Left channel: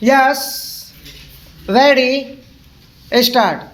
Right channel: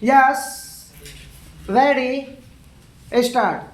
Yes, ready, start.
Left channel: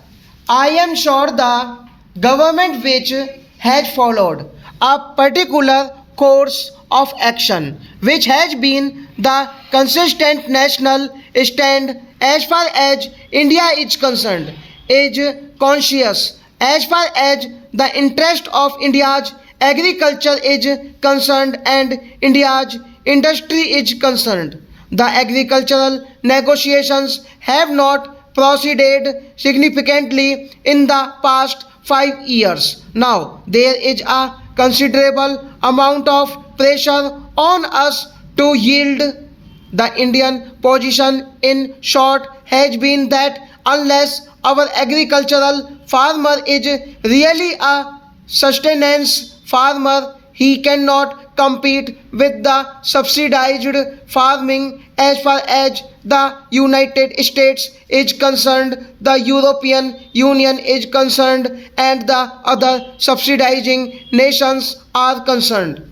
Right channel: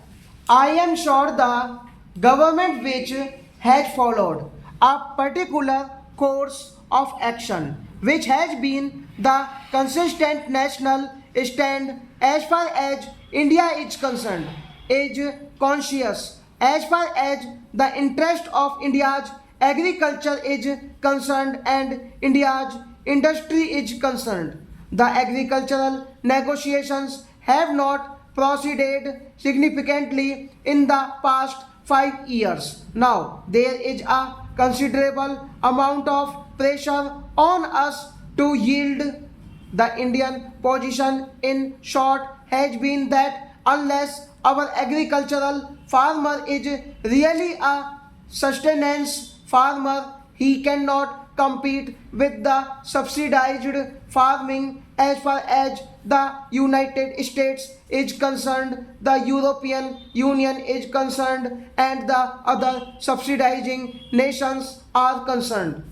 I am sure the government which has followed a particular course of action which has been the consistent national stand as far as India is concerned is conscious as far as the interest of India's agriculture is concerned and India's industry is concerned. The agricultural negotiations have not proceeded significantly in the past 5 years. Now, there is a considerable amount of pressure on us to yield. The Indian position, in short, has been that unless our agricultural farmer is really a sustenance farmer, he cannot compete with the subsidized farming as far as the United States is concerned, the European Union is concerned, and the other subsidizing nations are concerned.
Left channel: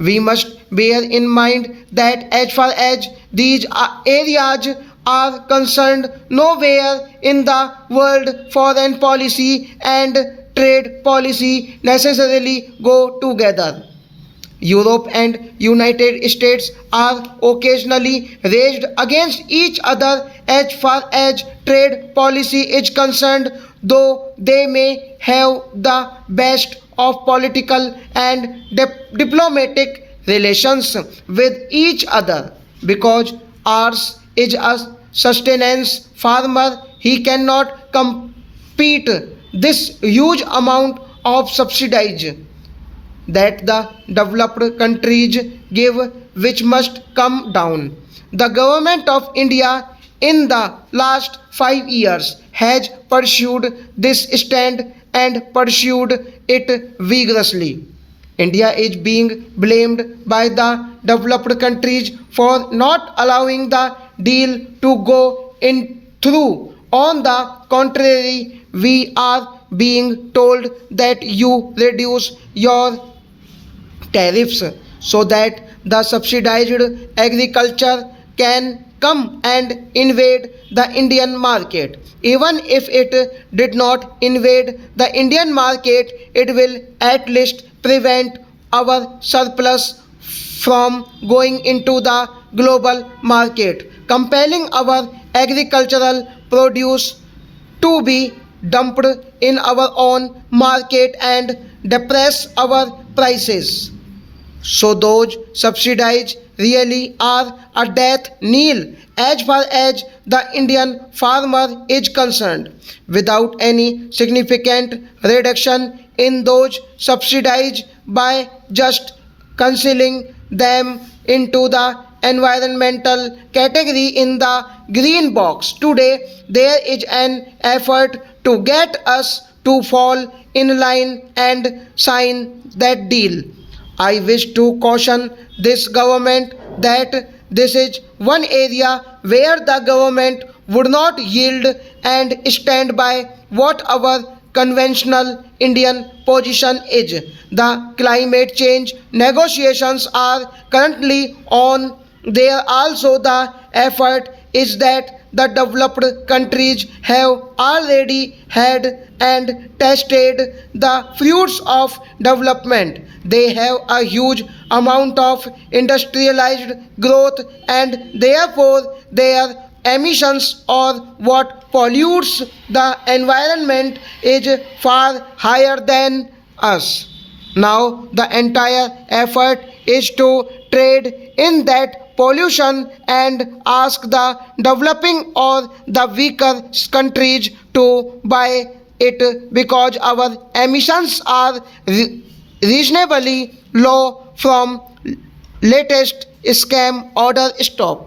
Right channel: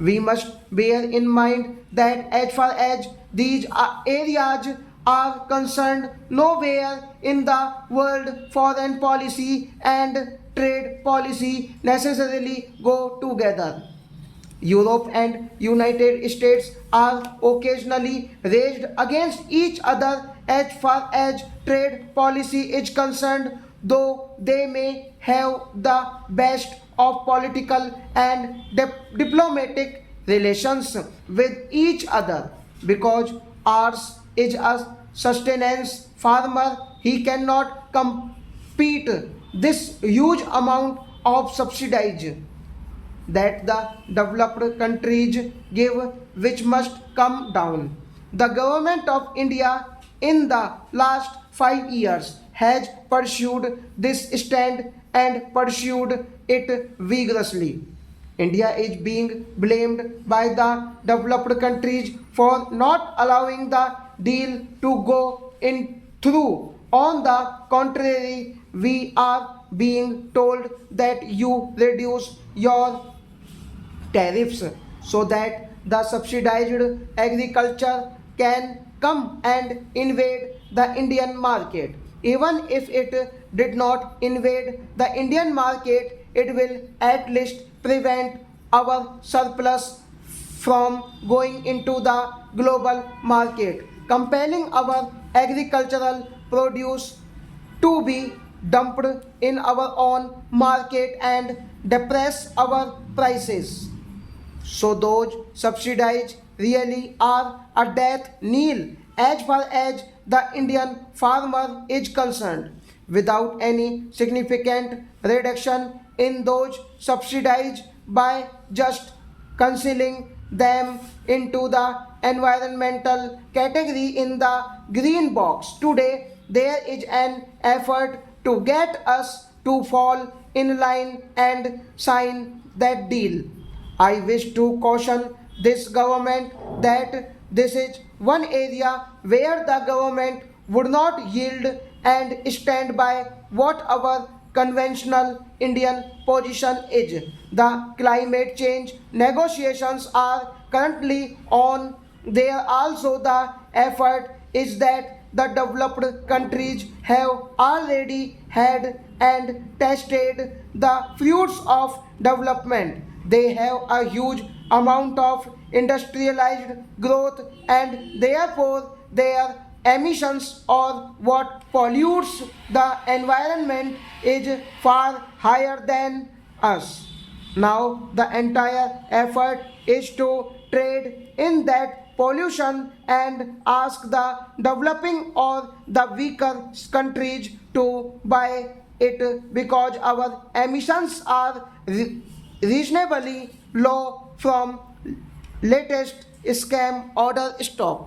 We must bear in mind that as far as these areas are concerned, nowhere in the world foreign policy and trade policy necessarily go together. Europe and United States are occasionally raised against each other as far as trade policy is concerned, though they may have the best of political and diplomatic relations with each other. Because ours is a sustenance farmer, he cannot compete this huge amount of subsidies that the developed countries give, which must come down. The government of India in the last 5 years has pursued this stand and pursued it vigorously. India is being blamed by the developed countries for not allowing the deal to go in through. On the contrary, we are being told that you reduce your tariffs so that the subsidized agriculture can come and invade the Indian market. Even if it did not invade the Indian market, it will at least prevent our surplus from going into the global market, compelling our agricultural produce to be dumped in our own market and depress our prices. So those subsidies really are a death knell as far as the Indian farmer is concerned. Without any significant reduction in those subsidies by just concealing them into the environmental category in the green box. Today, there is an effort to get us to fall in line and sign that deal. I wish to caution this government that this is one area where the government would not yield and stand by what our conventional Indian position is. The climate change negotiations are currently on. There also the effort is that the developed countries have already had and tasted the fruits of development. They have a huge amount of industrialized growth and therefore their emissions or what pollutes the environment is far higher than us. Now the entire effort is to trade in that pollution and ask the developing or the weaker countries to buy it because our emissions are reasonably low from latest scam order stop.